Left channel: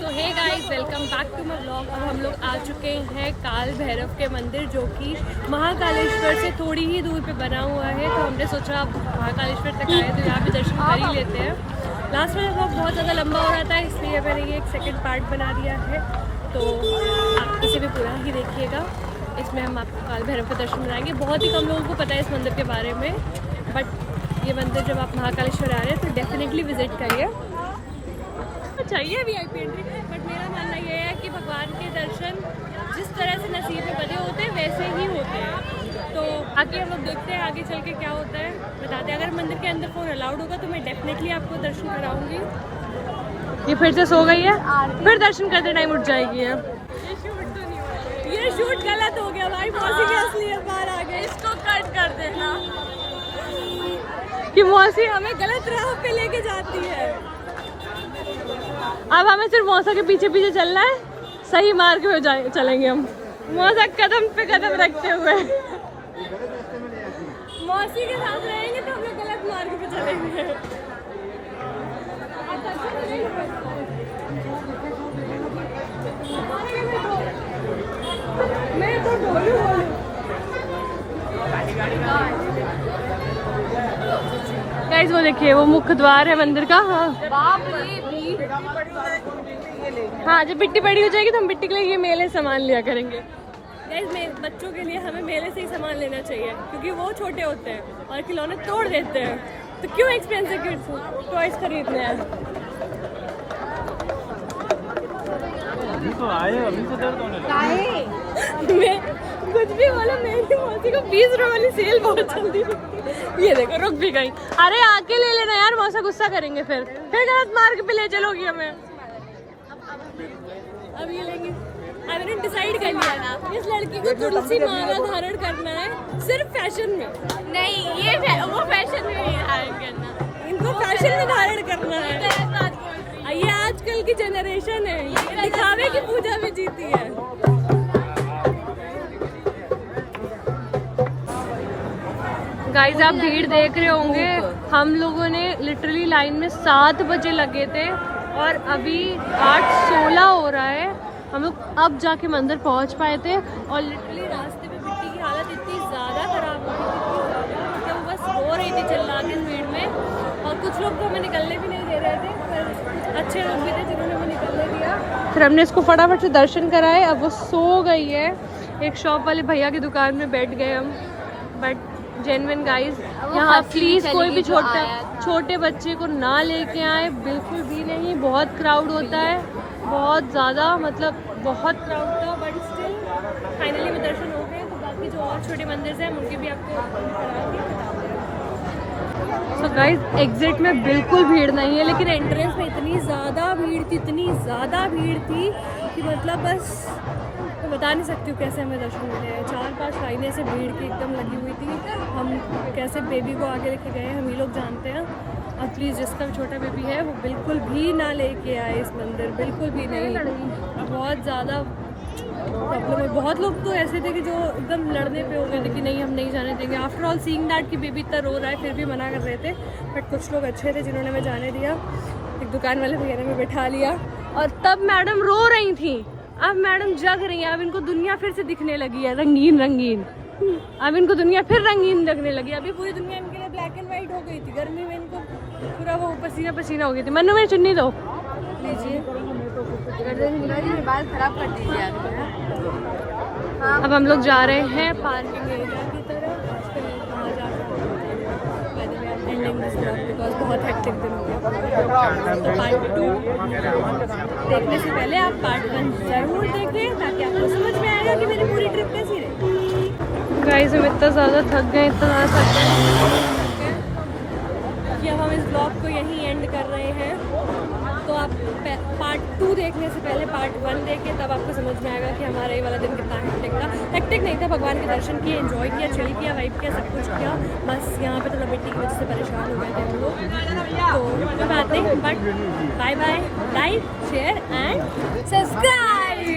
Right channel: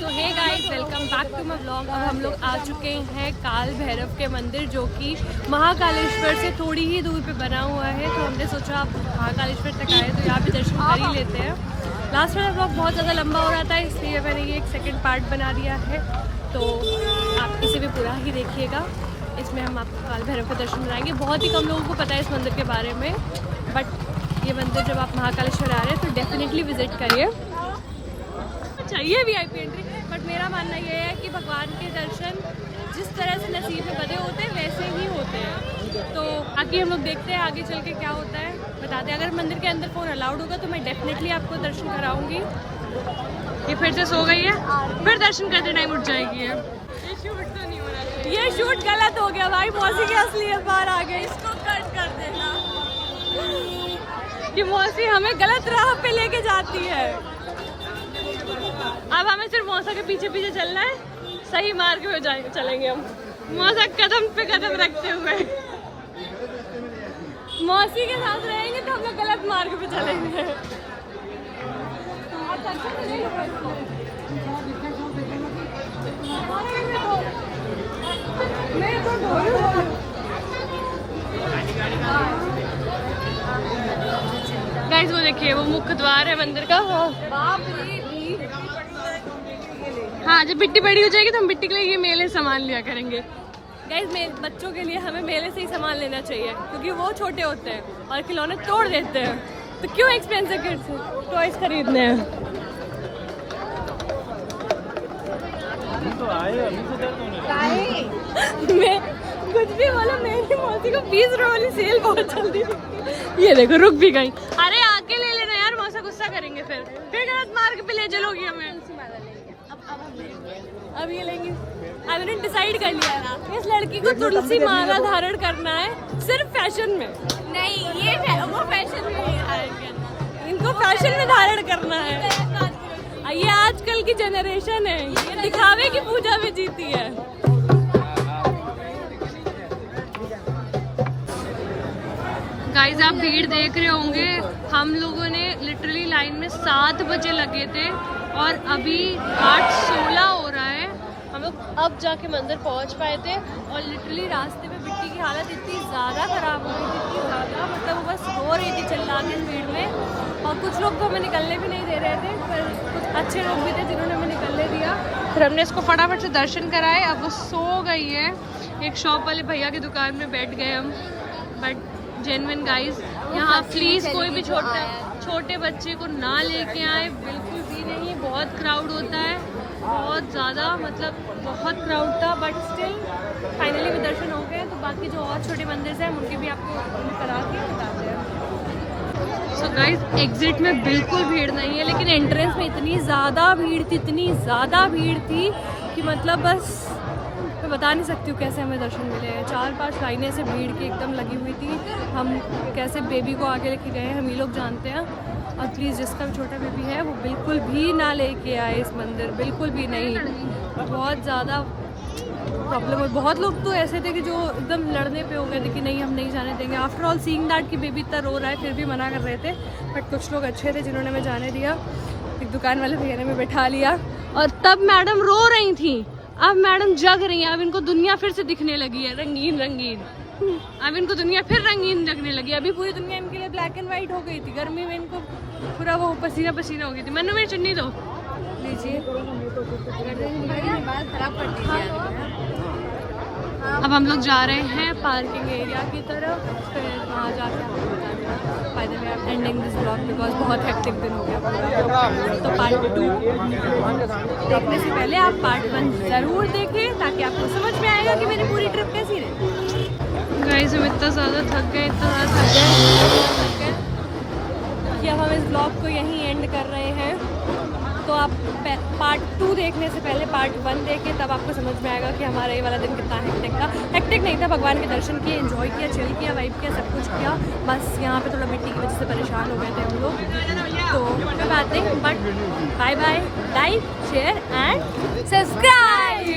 So hey guys, welcome back to my vlog. अब हम लोग आ चुके हैं काल भैरव के मंदिर, जो कि महाकालेश्वर से थोड़ी ही दूर पे बना हुआ है। तो हमने सोचा अब महाकालेश्वर तक आए तो यहाँ पे दर्शन कर ही लेते हैं। लास्ट वाला व्लॉग बहुत ज़्यादा लंबा हो रहा था, इसलिए मैंने ये एक सेकंड पार्ट बना दिया है। तो आप इसे भी पूरा ही देखिएगा। इसमें हम आपको काल भैरव के दर्शन कराएंगे। बहुत ही कम लोगों को पता है इस मंदिर के बारे में, बट ये मंदिर जब आप महाकालेश्वर आ रहे हैं तो डेफिनेटली विजिट करिए। चाहिए VIP एंट्री, बट मेरा मानना ये है कि भगवान के दर्शन जिस तरह से नसीब में बधे होते हैं वैसे ही होते हैं। तो आगे हम लोग देखते हैं आगे चल के क्या होता है, बताते हैं। अगर मंदिर के अंदर फ़ोन अलाउड होगा तो मैं डेफिनेटली आपको दर्शन कराऊंगी। ये फिर से सो गई है, फिर दर्शन करते टाइम उठ जाएगी। ये शूट गलत हो गया भाई, मौसी के असलियत बाहर आ गए। इसको कट कर देना कि मौसी हमें गलत राह पे लेके जाती है। अब हमें सिर्फ मौसा के पीछे पीछे चलना है, सही मार्ग पे चलेंगे हम। मौसा कदम पे कदम रखते हुए मौसी के साथ रहेंगे तो हम लोग गलत मार्ग पे चलेंगे। मैं तो गाइस वो देखिए, वो मुख्य द्वार है मंदिर का। हाँ, जब मिट्टी बड़ी हो जाएगी तो हम मिट्टी के लिए ये मेले से सामान लिया करेंगे। गाइस बच्चों के लिए हमें मेले से ही सामान लेना चाहिए, क्योंकि वो छोटे होते हैं और खिलौने तोड़ देते हैं। तो क्यों एक्सपेंसिव किड्स टॉयज खरीदने हैं। मैं कुछ भी बोला, मेरी मौसी को 20 रुपए वाली सेल बहुत जल्दी दिखती है। ये देखो रुक भी गई। अरे आके ले लेना यार, मौसा गुस्सा करेंगे फिर गलत मार्ग पे ले चलोगी हमें। अब ये लेंगे। मैंने डिसाइड कर लिया ना, इस लड़की को तुलसी माला धारण करना है, सिर्फ फैशन में नहीं। ये वो फैशन में नहीं धारण करना, इनको फैशन में धारण करना है। ये आजकल की जनरेशन है, दिखावे की पूजा में जीती है। गाइस आप भीड़ देख रहे होंगे, हम लोगों ने लिटरली लाइन में 7 बजे लगे थे और अभी 8:16 हो रहा है। हम लोग अब जाके मंदिर पहुंच पाए थे और लिटरली रास्ते में बिट्टी की हालत इतनी ज़्यादा ख़राब हो गई थी, इतनी ज़्यादा, मतलब वो बस रो रही थी चिल्ला के भीड़ में। और कुछ लोग तो हमें निकलने भी नहीं दे रहे थे, पर कुछ अच्छे लोग भी थे जिन्होंने हमें निकलने दिया। फिर हमने इसको फटाफट से दर्शन कराए। अब वो सो गई है। एक शॉप वाले भैया की दुकान में बैठ गए हम। बट जेन्युइन गाइस, यहाँ प्लीज़ कोई भी छोटे बच्चे को ना लेके आए, बिल्कुल भी नहीं। बहुत क्राउड होता है, बहुत ज़्यादा, मतलब बहुत क्राउड था। बट स्टिल फाइनली में दर्शन हो गए। तो बाकी जो और छोटे मंदिर हैं उनके भी आपको करा के बताते हैं। सो गाइस, एग्जिट में बिल्कुल भीड़ नहीं है, लेकिन एंट्रेंस में इतनी ज़्यादा भीड़ थी, इतनी ज़्यादा भीड़ थी कि मतलब बस मैं बता नहीं सकती हूँ कैसे हमें दर्शन मिले। 4-5 लाइनें से भीड़ की एकदम लगी हुई थी। हम कैसे बेबी को आगे लेके गए हम ही लोग जानते हैं। और प्लीज़ जिसका भी छोटा बेबी है वो बिल्कुल भी ना लेके आए इस मंदिर, बिल्कुल भी नहीं। बहुत ज़्यादा प्रॉब्लम है। बहुत लोग तो ऐसे थे कि जो एकदम लड़ने पे हो गए थे कि नहीं हम नहीं जाने देंगे। आफ्टर ऑल सीइंग दैट कि बेबी इतना रो रहा है फिर भी मना कर रहे थे। बट कुछ लोग अच्छे थे जिन्होंने हमें जाने दिया। एक दुकान वाले भैया ने हमें बैठा लिया और तब मैडम रो रही थी। अब मैडम जग रही है। अब इनको दुनिया फिर से दिखने लगी है रंगीन रंगीन। अब इनको दुनिया फिर रंगीन लगने लगी। अभी पूरी दुनिया इनके लिए ब्लैक एंड वाइट हो गई थी। गर्मी में इनको पूरा वो पसीना पसीना हो गई थी। मन्नू मेरी चुन्नी दो, लीजिए। बाल खराब कर दीजिए। अब हम लोग जा रहे हैं पार्किंग एरिया की तरफ, फिर वहाँ जाके एंडिंग दिस ब्लॉग बिकॉज बहुत हेक्टिक दिन हो गया पूरा। तो पार्ट 2 देखने से पहले आप पार्ट 1 ज़रूर देखें, ताकि आपको समझ में आएगा कि मेरी पूरी ट्रिप कैसी रही। गाइस हम इतना ज़्यादा थक गए, इतना ज़्यादा थक गए कि अब हम इस ब्लॉग को यहीं एंड कर रहे हैं। तो आप पार्ट 2 देखने से पहले पार्ट 1 देखें, तब आपको समझ में आएगा कि हमारा ये वाला दिन कितना हेक्टिक था। हेक्टिक नहीं था, भगवान के दर्शन किए, एंजॉय किया, चिल किया, वाइब किया, सब कुछ किया। बस यहाँ पे थोड़ा मिट्टी की वजह से परेशान हो गए थे हम लोग। तो कोई बात नहीं, but bye bye, like share and subscribe.